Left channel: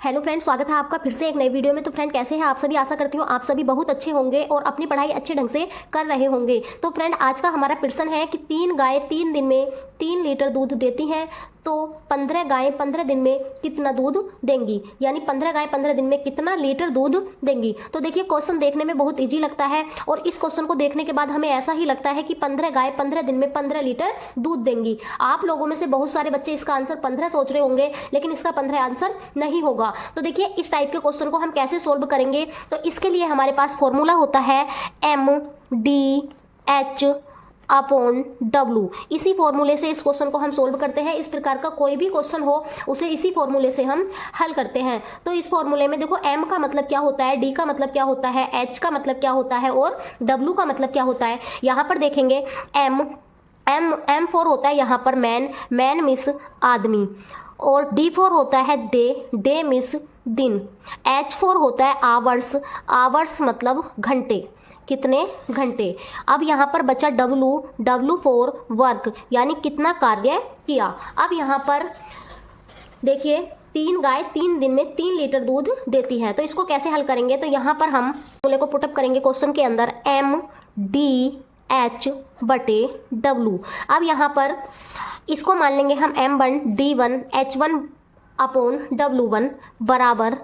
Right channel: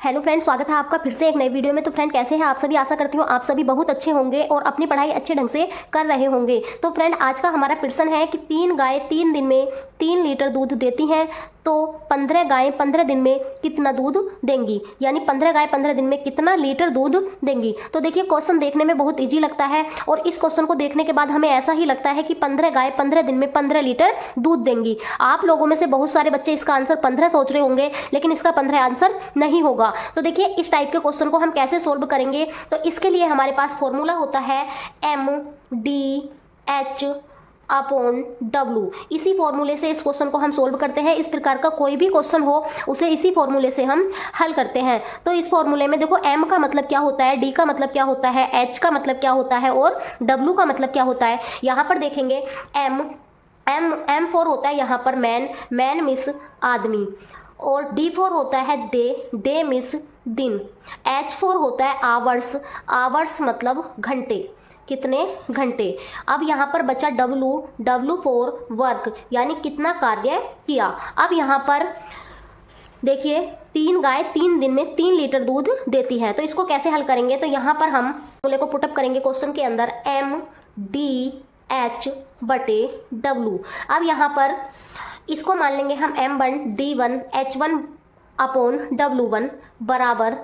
Hello friend, स्वागत है आपका फिर से एक नई वीडियो में। तो फ्रेंड कैसे हैं आप सभी? आशा करती हूँ आप सभी बहुत अच्छे होंगे और अपनी पढ़ाई अच्छे ढंग से कर रहे होंगे। तो फ्रेंड आज का हमारा प्रश्न है कि 3 गाय 3 दिन में 3 लीटर दूध देती हैं, तो 15 गायें 15 दिन में कितना दूध देंगी, यानी 15 गाय 15 दिन में कितना लीटर दूध देंगी। तो देखिए क्वेश्चन देखने में बहुत इजी लगता है और इस क्वेश्चन को देखने के बाद हमें ऐसा ही लगता है कि 15 गाय 15 दिन में 15 लीटर दूध देंगी। आप लोगों में से बहुत सारे बच्चे इसका आंसर 15 सोच रहे होंगे, लेकिन इसका 15 आंसर नहीं होगा। तो देखिए इस टाइप के क्वेश्चन को हम कैसे सोल्व करेंगे, तो इसके लिए हमारे पास फॉर्मूला होता है MDH अपॉन W। इसी फॉर्मूले से इस क्वेश्चन को हम सोल्व करते हैं। इस प्रकार का कोई भी क्वेश्चन हो उसे इसी फॉर्मूले से हम हल करते हैं। तो इस फॉर्मूले में देखो M का मतलब क्या होता है, D का मतलब क्या होता है, H का मतलब क्या होता है और W का मतलब क्या होता है। यहाँ पर देखेंगे M4 होता है यहाँ पर मैन मिस आदमी, और D4 होता है डे मिस दिन। H4 होता है आवर्स मतलब घंटे, कितने घंटे। अब यहाँ पर बचा W4 वर्क, यानी कितना कार्य किया। अब यहाँ पर देखिए 3 गाय 3 दिन में 3 लीटर दूध देती है, तो इसको कैसे हल करेंगे। तो यहाँ पर हम फॉर्मूले को पुटअप करेंगे क्वेश्चन के अंदर, MDH बटे W। अब यहाँ पर इसको मान लेंगे हम M1 D1 H1 upon W1 बराबर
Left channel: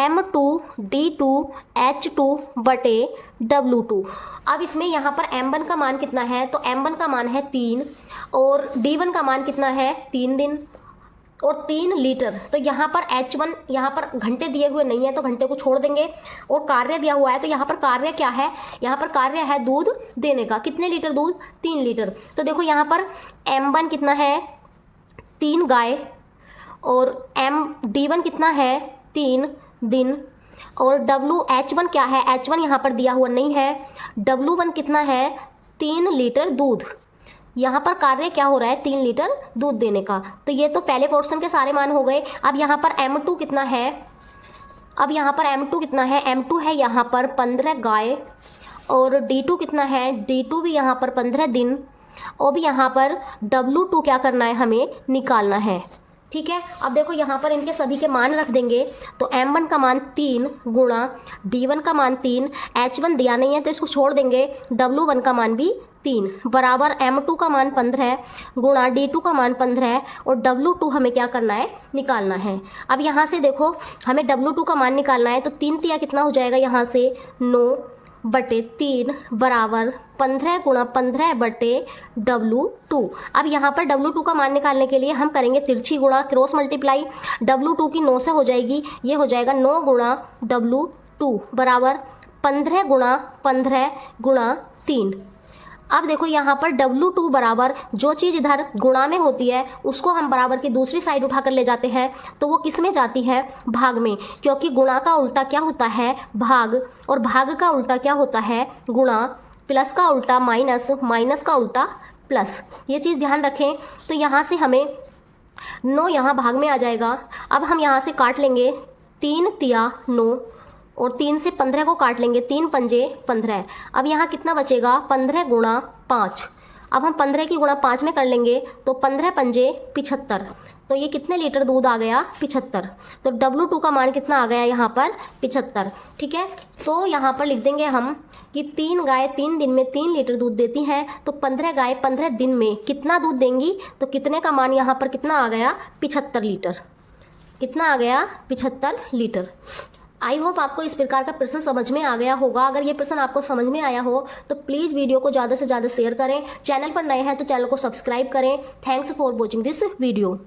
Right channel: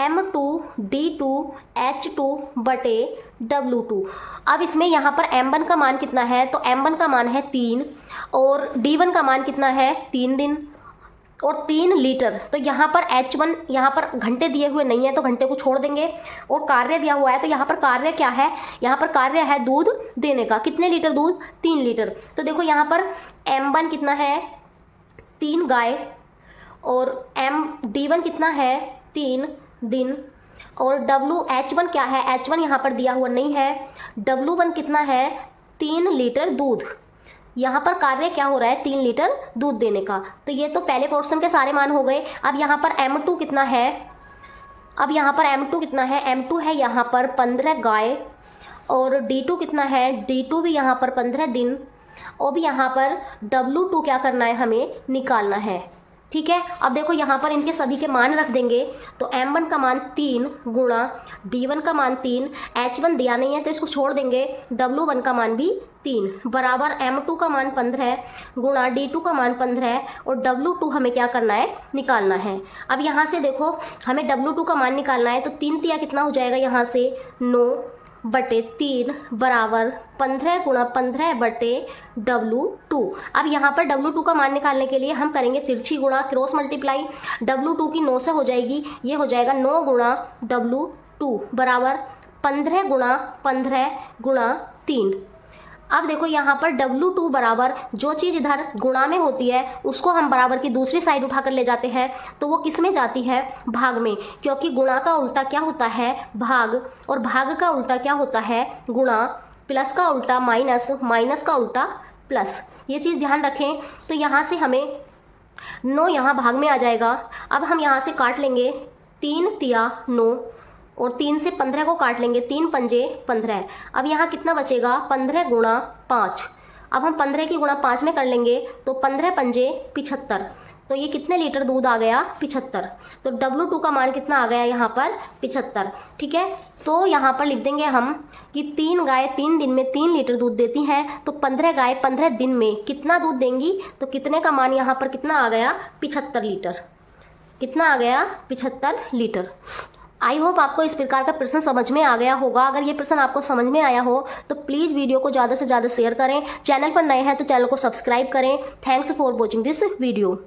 M2 D2 H2 बटे W2। अब इसमें यहाँ पर M1 का मान कितना है, तो M1 का मान है 3 और D1 का मान कितना है 3 दिन और 3 लीटर। तो यहाँ पर H1 यहाँ पर घंटे दिए हुए नहीं है तो घंटे को छोड़ देंगे, और कार्य दिया हुआ है तो यहाँ पर कार्य क्या है, यहाँ पर कार्य है दूध देने का। कितने लीटर दूध, 3 लीटर। तो देखो यहाँ पर M1 कितना है 3 गाय और D1 कितना है 3 दिन, और H1 क्या है, H1 यहाँ पर दिया हुआ नहीं है। W1 कितना है 3 लीटर दूध। यहाँ पर कार्य क्या हो रहा है 3 लीटर दूध देने का। तो ये तो पहले पोर्शन के सारे मान हो गए। अब यहाँ पर M2 कितना है, M2 है यहाँ पर 15 गाय, और D2 कितना है, D2 भी यहाँ पर 15 दिन, और भी यहाँ पर W2 क्या करना है, हमें निकालना है। ठीक है, अब देखो यहाँ पर इनके सभी के मान रख देंगे। तो M1 का मान 3 गुणा D1 का मान 3, H1 दिया नहीं है तो इसको छोड़ देंगे, W1 का मान भी 3 बराबर M2 का मान 15 गुणा D2 का मान 15 और W2 हमें क्या करना है, निकालना है। अब यहाँ से देखो हमें W2 का मान निकालना है, तो 3 तिया कितना हो जाएगा यहाँ से 9 बटे 3 बराबर 15 गुणा 15 बटे W2। अब यहाँ पर W2 का मान निकालने के लिए हम करेंगे तिरछी गुणा, क्रॉस मल्टीप्लाई। W2 की 9 से हो जाएगी, ये हो जाएगा 9 गुणा W2 बराबर 15 गुणा 15 गुणा 3। अब देखो यहाँ पर W2 बराबर जो चीज़ इधर गुणा में होती है उसको हम बराबर की दूसरी साइड उठाकर ले जाते हैं, तो वो किस में जाती है, भाग में, क्योंकि गुणा का उल्टा क्या होता है, भाग, और भाग का उल्टा क्या होता है, गुणा, प्लस का उल्टा माइनस, माइनस का उल्टा प्लस। ये चीज़ ध्यान रखें। तो यहाँ से हमें 9 यहाँ भाग में आ जाएगा। अब हम यहाँ से काट लेंगे 3 तिया 9 और 3 से 15 को काट लेंगे, 3 पंजे 15। अब यहाँ कितना बचेगा, 15 गुणा 5। अब हम 15 की गुणा 5 में कर लेंगे तो 15 पंजे 75। तो ये कितने लीटर दूध आ गया, 75। तो W2 का मान कितना आ गया यहाँ पर, 75। ठीक है, तो यहाँ पर लिख देंगे हम कि 3 गाय 3 दिन में 3 लीटर दूध देती हैं, तो 15 गाय 15 दिन में कितना दूध देंगी, तो कितने का मान यहाँ पर कितना आ गया, 75 लीटर। कितना आ गया, 75 लीटर। आई होप आपको इस प्रकार का प्रश्न समझ में आ गया होगा। अगर ये प्रश्न आपको समझ में आया हो तो प्लीज़ वीडियो को ज़्यादा से ज़्यादा शेयर करें। चैनल पर नए हैं तो चैनल को सब्सक्राइब करें। Thanks for watching this video.